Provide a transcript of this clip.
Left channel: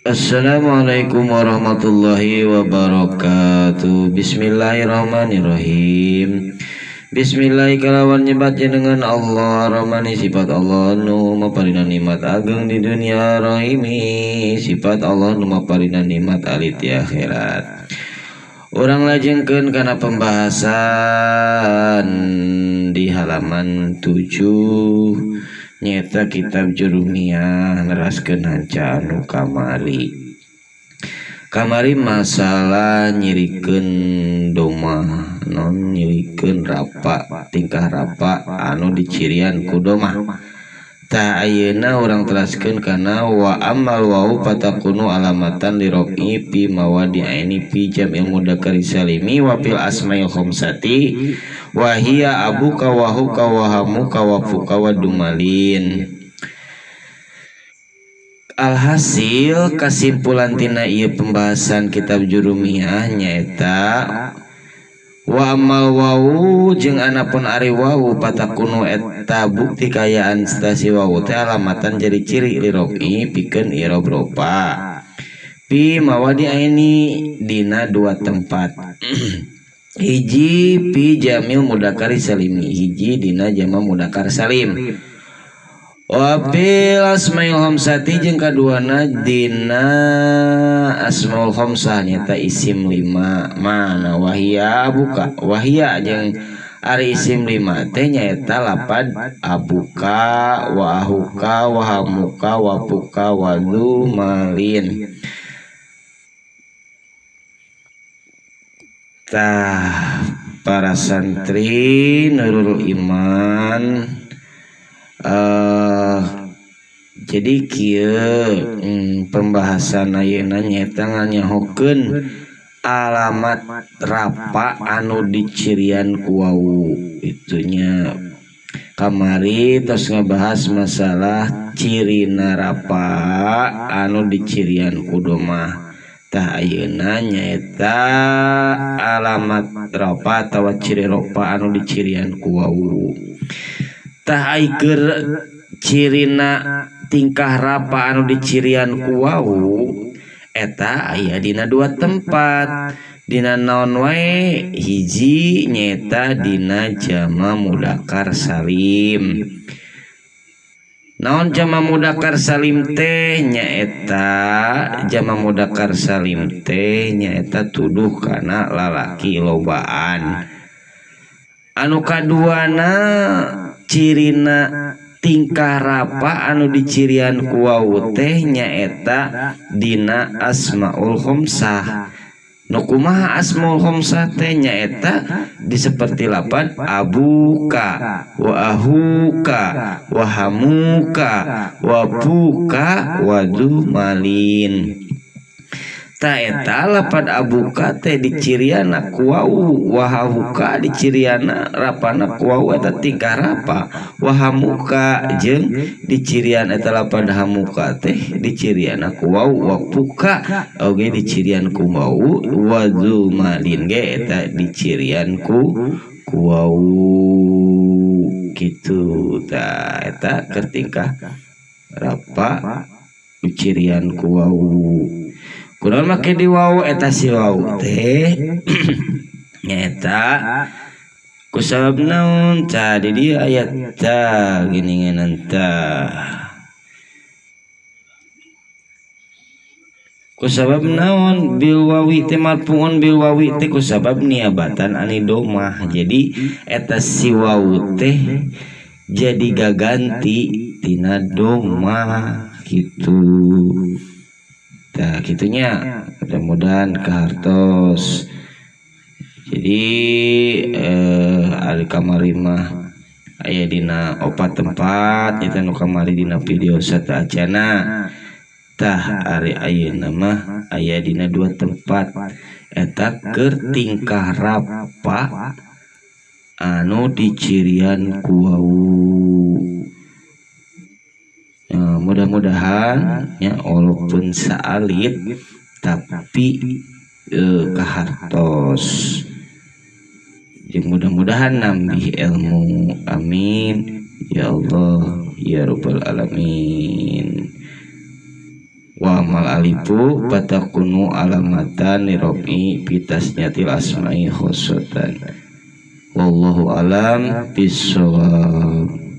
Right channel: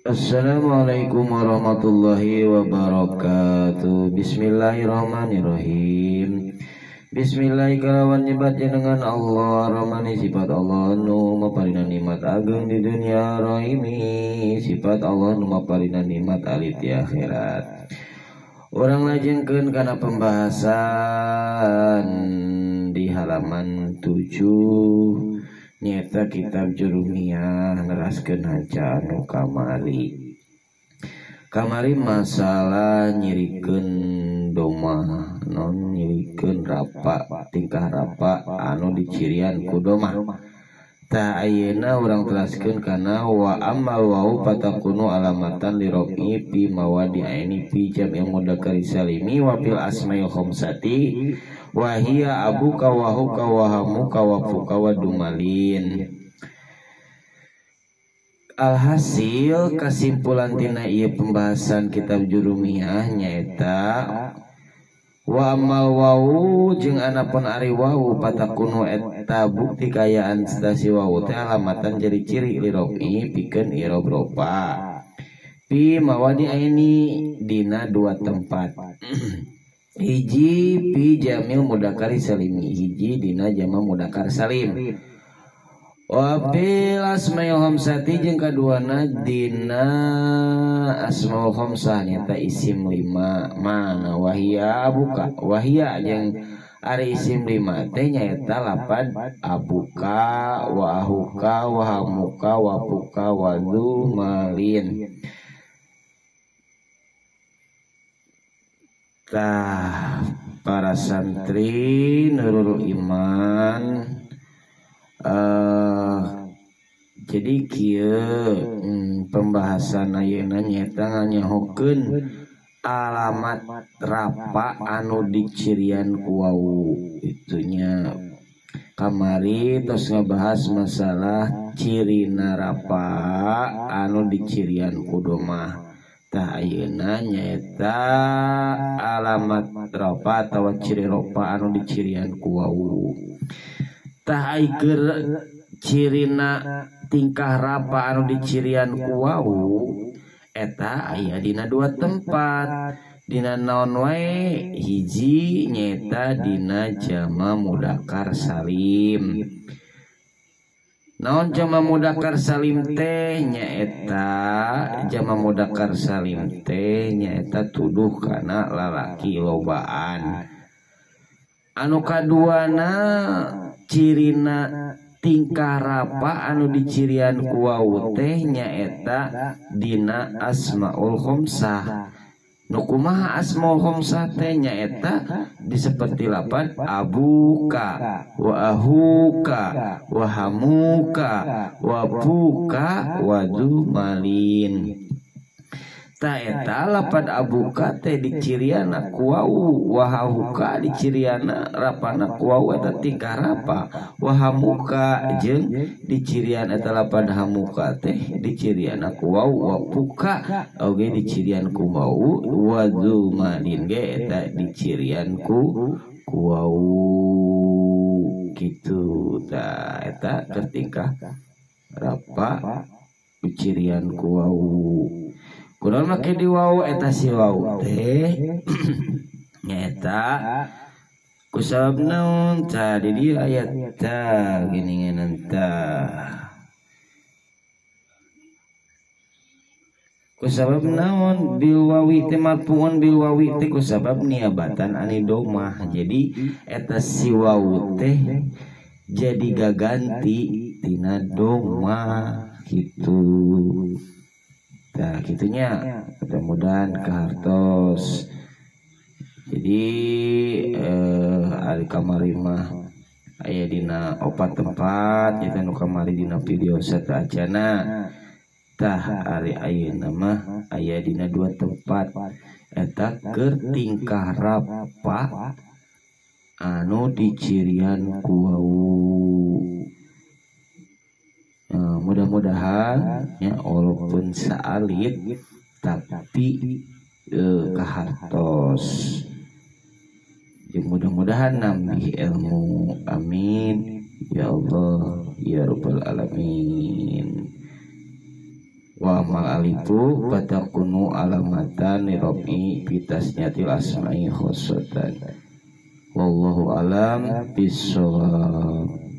Assalamualaikum warahmatullahi wabarakatuh. Bismillahirrahmanirrahim. Bismillah kalawan nyebat dengan Allah Rahmani sifat Allah nu maparina nikmat ageng di dunia rahimi sifat Allah nu maparina nikmat alit di akhirat. Urang lajengkeun kana pembahasan di halaman 7 nyata kitab Jurumiyah neraskeun hanca anu kamari masalah nyirikeun doma non nyirikeun rapa tingkah rapa anu dicirian ku doma. Tah ayeuna urang teraskeun kana wa amal wau patakunu alamatan li rofi fi mawadi'aini fi jam'il mudzakkar salimi wa fil asma'il khamsati wa hiya abuka wa huka wa hamuka wa fuka wa dumalin. Alhasil kesimpulan tina ieu pembahasan kitab Jurumiyah nyaeta wa amal wau jeung anapun ari wau patakunu eta bukti kayaan stasi wau teh alamatan jadi ciri li rofi pikeun i'rab ropa fi mawadi'aini dina dua tempat. Hiji pi jamil mudzakkar salim, hiji dina jama mudzakkar salim. Wa bil asmaul khamsati jeung kaduana dina asmaul khamsah nyata isim 5 mana wahia abuka wahia jeung ari isim 5 teh nyaeta lapad abuka wa ahuka wa hamuka wa puka wa dumalin. Tah para santri Nurul Iman jadi kieu pembahasan ayeuna nyaeta nganyahokeun alamat rapa anu dicirian ku wau itunya. Kamari tos ngebahas masalah cirina rapa anu dicirian ku doma. Tah ayeuna nyaeta alamat rapa atawa ciri rapa anu dicirian ku wau. Tah aigeur cirina tingkah rapa anu dicirian ku wau eta aya dina dua tempat. Dina naon wae? Hiji nyaeta dina jama mudzakkar salim. Naon jama mudzakkar salim teh nyaeta jama mudzakkar salim teh nyaeta tuduh kana lalaki lobaan. Anu kaduana cirina tingkah rapa anu dicirian ku wau teh nyaeta dina asmaul khamsah. Nu kumaha asmaul khamsah teh nyaeta diseperti lapad abuka wa ahuka wa hamuka wa puka wa dumalin. Ta eta lapad abuka teh diciriana ku wau wa hamuka diciriana rapana ku wau eta tingkah rapa wa hamuka jeung dicirian eta lapad hamuka teh diciriana ku wau wa puka oge dicirian ku wau wa dumalin ge eta dicirian ku wau kitu. Ta eta keur tingkah rapa dicirian ku wau. Kunaon make di wau eta si wau teh nyaeta kusabab naon tah di dieu ayat tah geuningan tah kusabab naon bil wawi teh marfuun bil wawi teh kusabab niabatan ani domah. Jadi eta si wau teh jadi gaganti tina domah gitu. Nah gitunya mudah-mudahan kehartos. Jadi ari kamari mah aya dina 4 tempat eta nu kamari dina video satacana. Tah ari ayeuna mah aya dina 2 tempat eta keur tingkah rapa anu dicirian ku wau. Mudah-mudahan ya walaupun saalit tapi kahartos. Mudah-mudahan nambah ilmu. Amin ya Allah ya Rabbal Alamin. Wa mal alifu fatakunu alamatan lirobi bitasnyatil asma'i khosotan. Wallahu alam bisawab.